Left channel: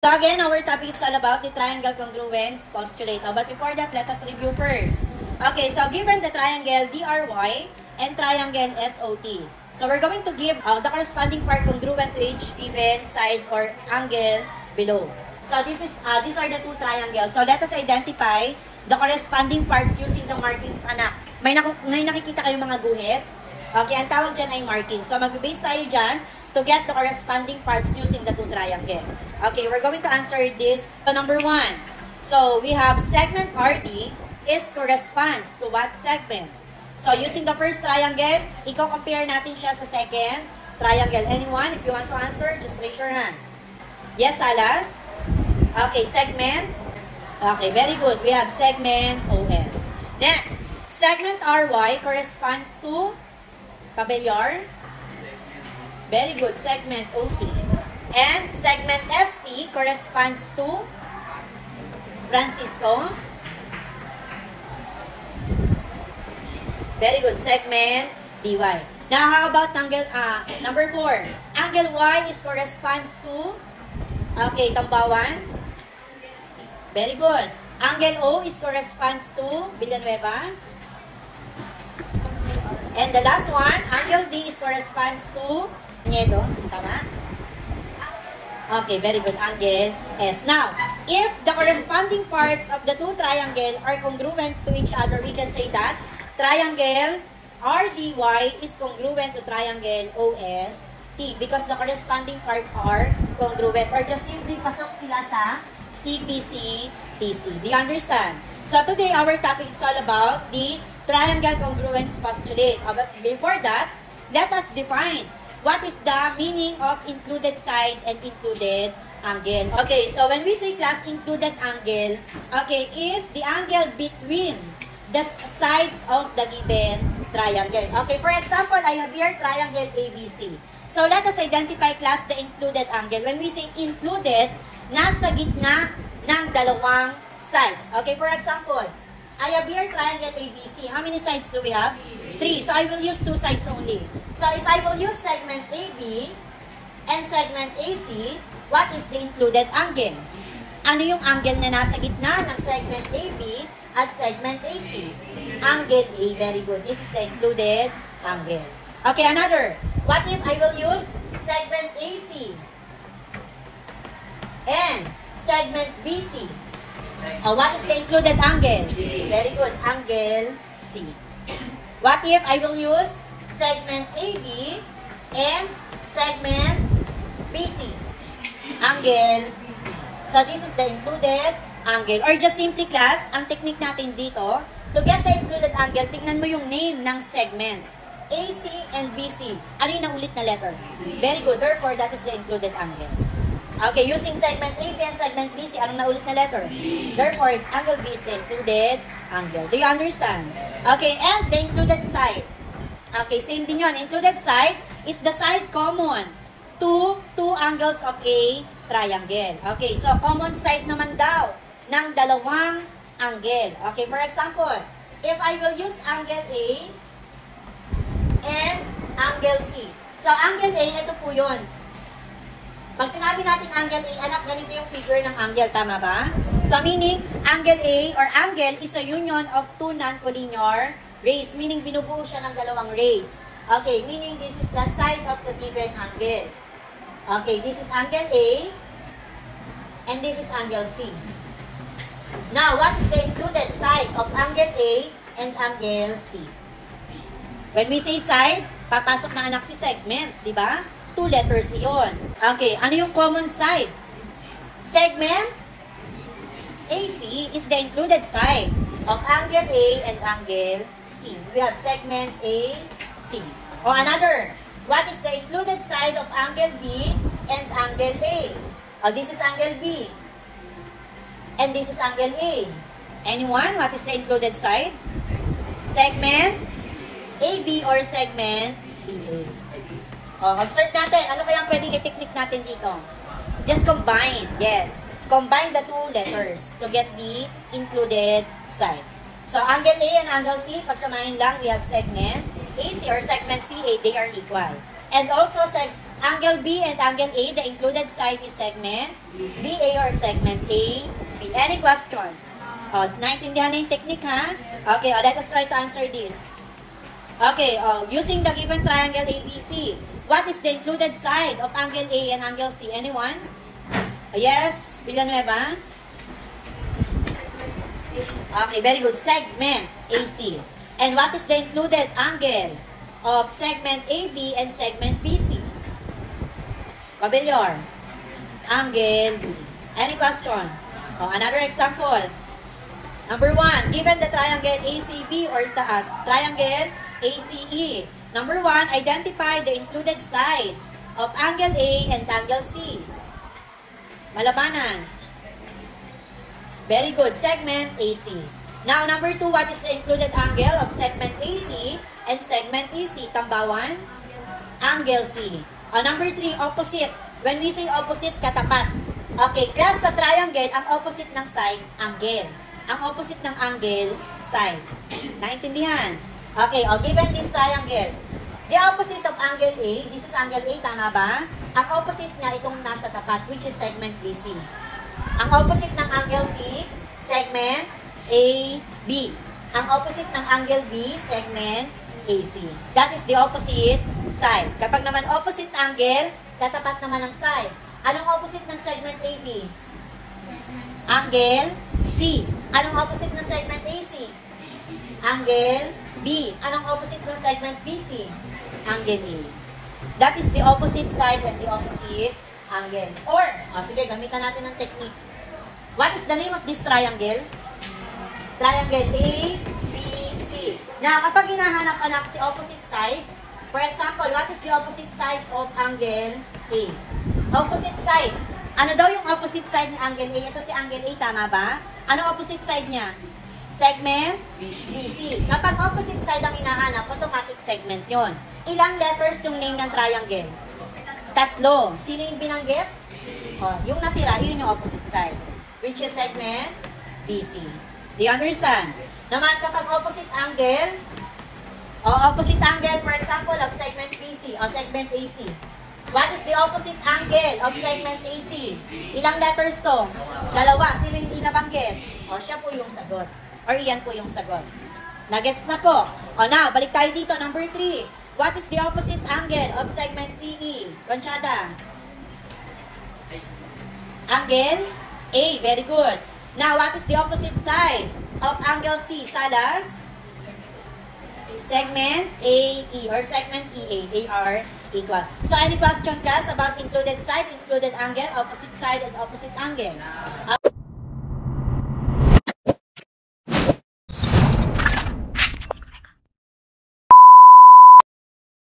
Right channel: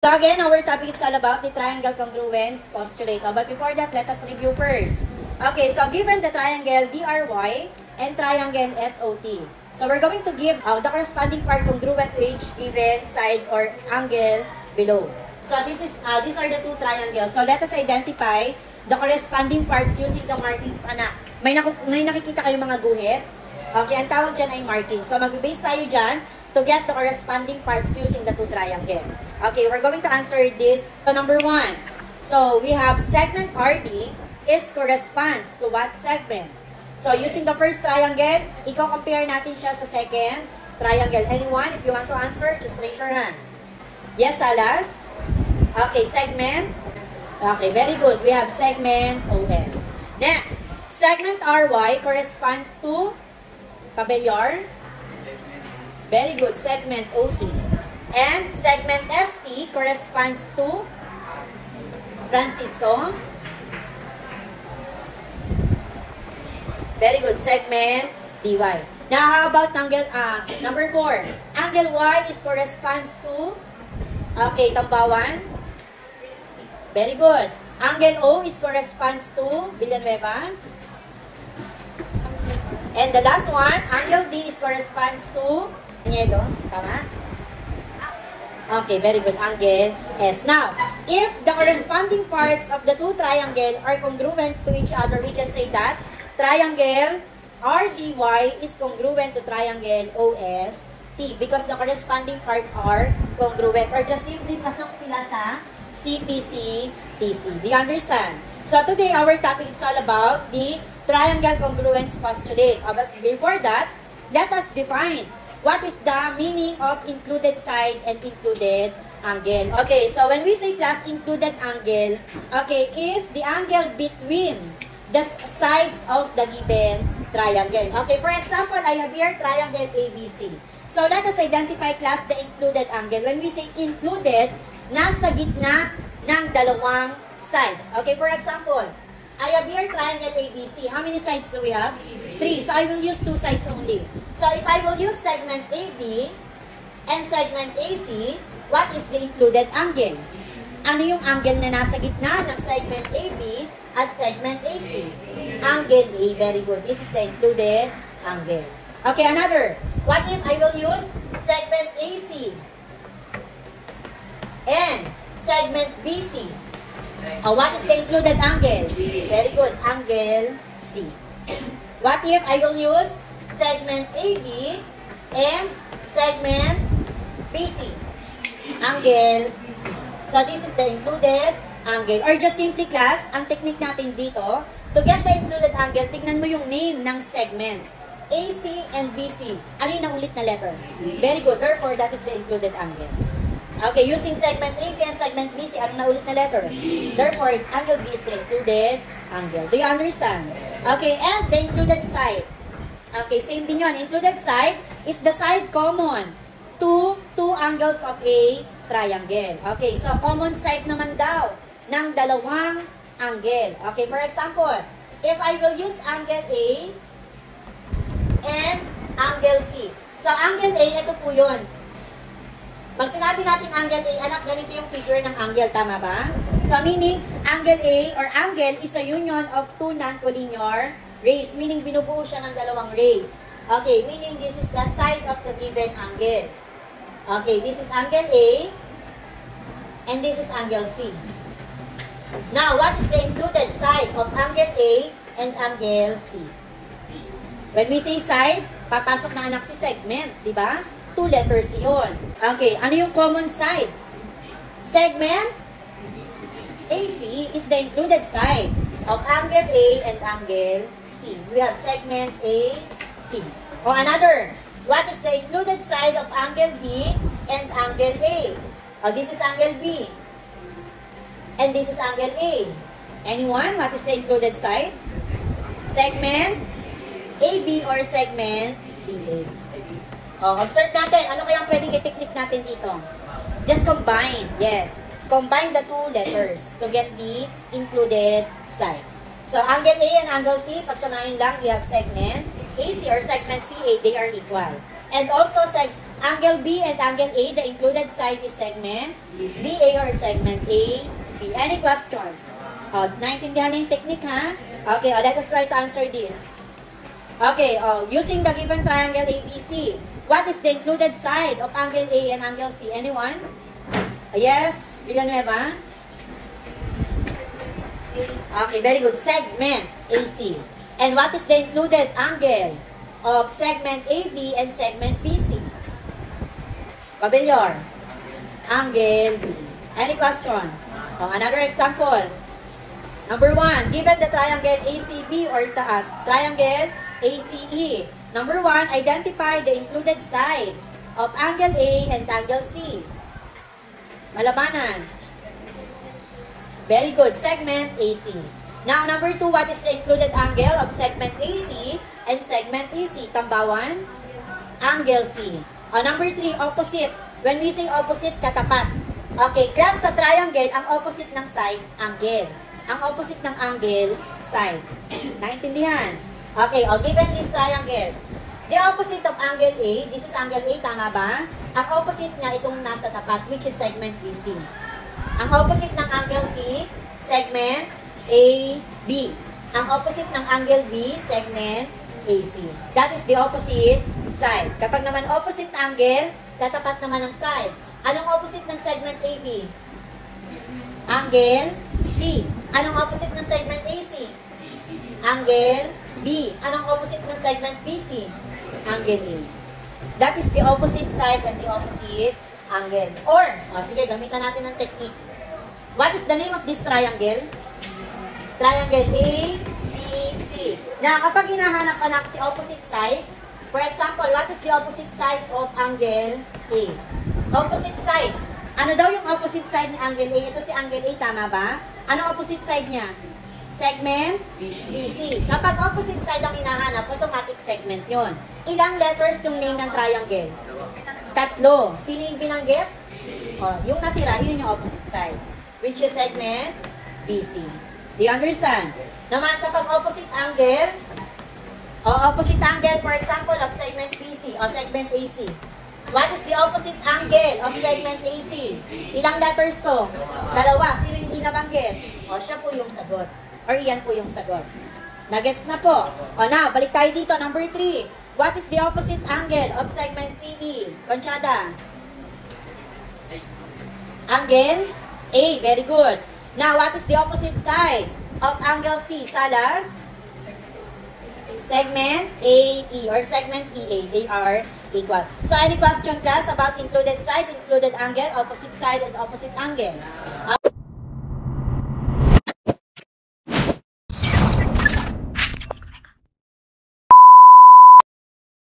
So again, our topic is all about the triangle congruence postulate. But before that, let us review first. Okay, so given the triangle DRY and triangle SOT. So we're going to give the corresponding part congruent to each given side or angle below. So these are the two triangles. So let us identify the corresponding parts using the markings, anak. May nakikita kayo mga guhit. Okay, ang tawag dyan ay marking. So mag-base tayo dyan to get the corresponding parts using the two triangle. Okay, we're going to answer this. So number 1. So we have segment RD is corresponds to what segment? So using the first triangle, i-compare natin siya sa second triangle. Anyone, if you want to answer, just raise your hand. Yes, Alas? Okay, segment. Okay, very good. We have segment OS. Next, segment RY corresponds to Pabellar. Very good. Segment OT. And segment ST corresponds to Francisco. Very good. Segment DY. Now, how about angle number 4? Angle Y is corresponds to Tambawan. Very good. Angle O is corresponds to Villanueva. And the last one, angle D is corresponds to Niedo. Tama? Okay, very good. Angle S. Now, if the corresponding parts of the two triangles are congruent to each other, we can say that triangle RDY is congruent to triangle OST because the corresponding parts are congruent or just simply pasok sila sa CPC-TC. Do you understand? So today, our topic is all about the triangle congruence postulate. But before that, let us define what is the meaning of included side and included angle. Okay, so when we say class included angle, okay, is the angle between the sides of the given triangle. Okay, for example, I have here triangle ABC. So let us identify class the included angle. When we say included, nasa gitna ng dalawang sides. Okay, for example, I have here triangle ABC. How many sides do we have? 3. So I will use 2 sides only. So if I will use segment AB and segment AC, what is the included angle? Ano yung angle na nasa gitna ng segment AB at segment AC? Angle A. Very good. This is the included angle. Okay, another. What if I will use segment AC and segment BC? What is the included angle? Very good. Angle C. What if I will use segment AB and segment BC? Angle B. So this is the included angle. Or just simply class, ang technique natin dito, to get the included angle, tignan mo yung name ng segment. AC and BC. Ano yung naulit na letter? Very good. Therefore, that is the included angle. Okay, using segment AB and segment BC, anong naulit na letter? Therefore, angle B is the included angle. Do you understand? Okay, and the included side. Okay, same din yun. Included side is the side common to two angles of a triangle. Okay, so common side naman daw ng dalawang angle. Okay, for example, if I will use angle A and angle C. So, angle A, ito po yun. Pag sinabi natin angle A, anak, ganito yung figure ng angle, tama ba? So, meaning, angle A or angle is a union of two non-collinear rays. Meaning, binubuo siya ng dalawang rays. Okay, meaning, this is the side of the given angle. Okay, this is angle A and this is angle C. Now, what is the included side of angle A and angle C? When we say side, papasok na anak si segment, di ba? 2 letters iyon. Okay, ano yung common side? Segment AC is the included side of angle A and angle C. We have segment AC. Or another, what is the included side of angle B and angle A? This is angle B. And this is angle A. Anyone? What is the included side? Segment AB or segment BA. Observe natin. Ano kayang pwedeng i-technique natin dito? Just combine. Yes. Combine the 2 letters to get the included side. So, angle A and angle C, pagsamahin lang, we have segment AC or segment CA, they are equal. And also, Angle B and angle A, the included side is segment BA or segment A, B. Any question? Oh, naintindihan na yung technique, ha? Okay, let us try to answer this. Okay, using the given triangle ABC, what is the included side of angle A and angle C? Anyone? Yes, Villanueva? Okay, very good. Segment AC. And what is the included angle of segment AB and segment BC? Pabellor. Angle B. Any question? Another example. Number 1, given the triangle ACB or taas, triangle ACE. Number 1, identify the included side of angle A and angle C. Malabanan. Very good. Segment AC. Now, number 2, what is the included angle of segment AC and segment AC? Tambawan. Angle C. Number 3, opposite. When we say opposite, katapat. Okay, class sa triangle, ang opposite ng side, angle. Ang opposite ng angle, side. Naintindihan? Okay, given this triangle, the opposite of angle A, this is angle A, tama ba? Ang opposite niya, itong nasa tapat, which is segment BC. Ang opposite ng angle C, segment AB. Ang opposite ng angle B, segment AC. That is the opposite side. Kapag naman opposite angle, katapat naman ang side. Anong opposite ng segment AB? Angle C. Anong opposite ng segment AC? Angle B. Anong opposite ng segment BC? Angle E. That is the opposite side and the opposite angle. Or, sige, gamitan natin ng technique. What is the name of this triangle? Triangle A, B, C. Now, kapag hinahanap-hanap si opposite sides, for example, what is the opposite side of angle A? Opposite side. Ano daw yung opposite side ng angle A? Ito si angle A, tama ba? Anong opposite side niya? Segment BC. Kapag opposite side ang hinahanap, automatic segment yon. Ilang letters yung name ng triangle? 3. Sino yung binanggit? Yung natira, yun yung opposite side. Which is segment BC. Do you understand? Naman kapag opposite angle, for example, of segment BC o segment AC. What is the opposite angle of segment AC? Ilang letters to? 2. Sino hindi nabanggit? Siya po yung sagot. Or iyan po yung sagot. Nagets na po. Now, balik tayo dito. Number 3. What is the opposite angle of segment CE? Conchada. Angle A. Very good. Now, what is the opposite side of angle C? Salas? Segment AE or segment EA. AR equal. So, any question, class, about included side, included angle, opposite side, and opposite angle?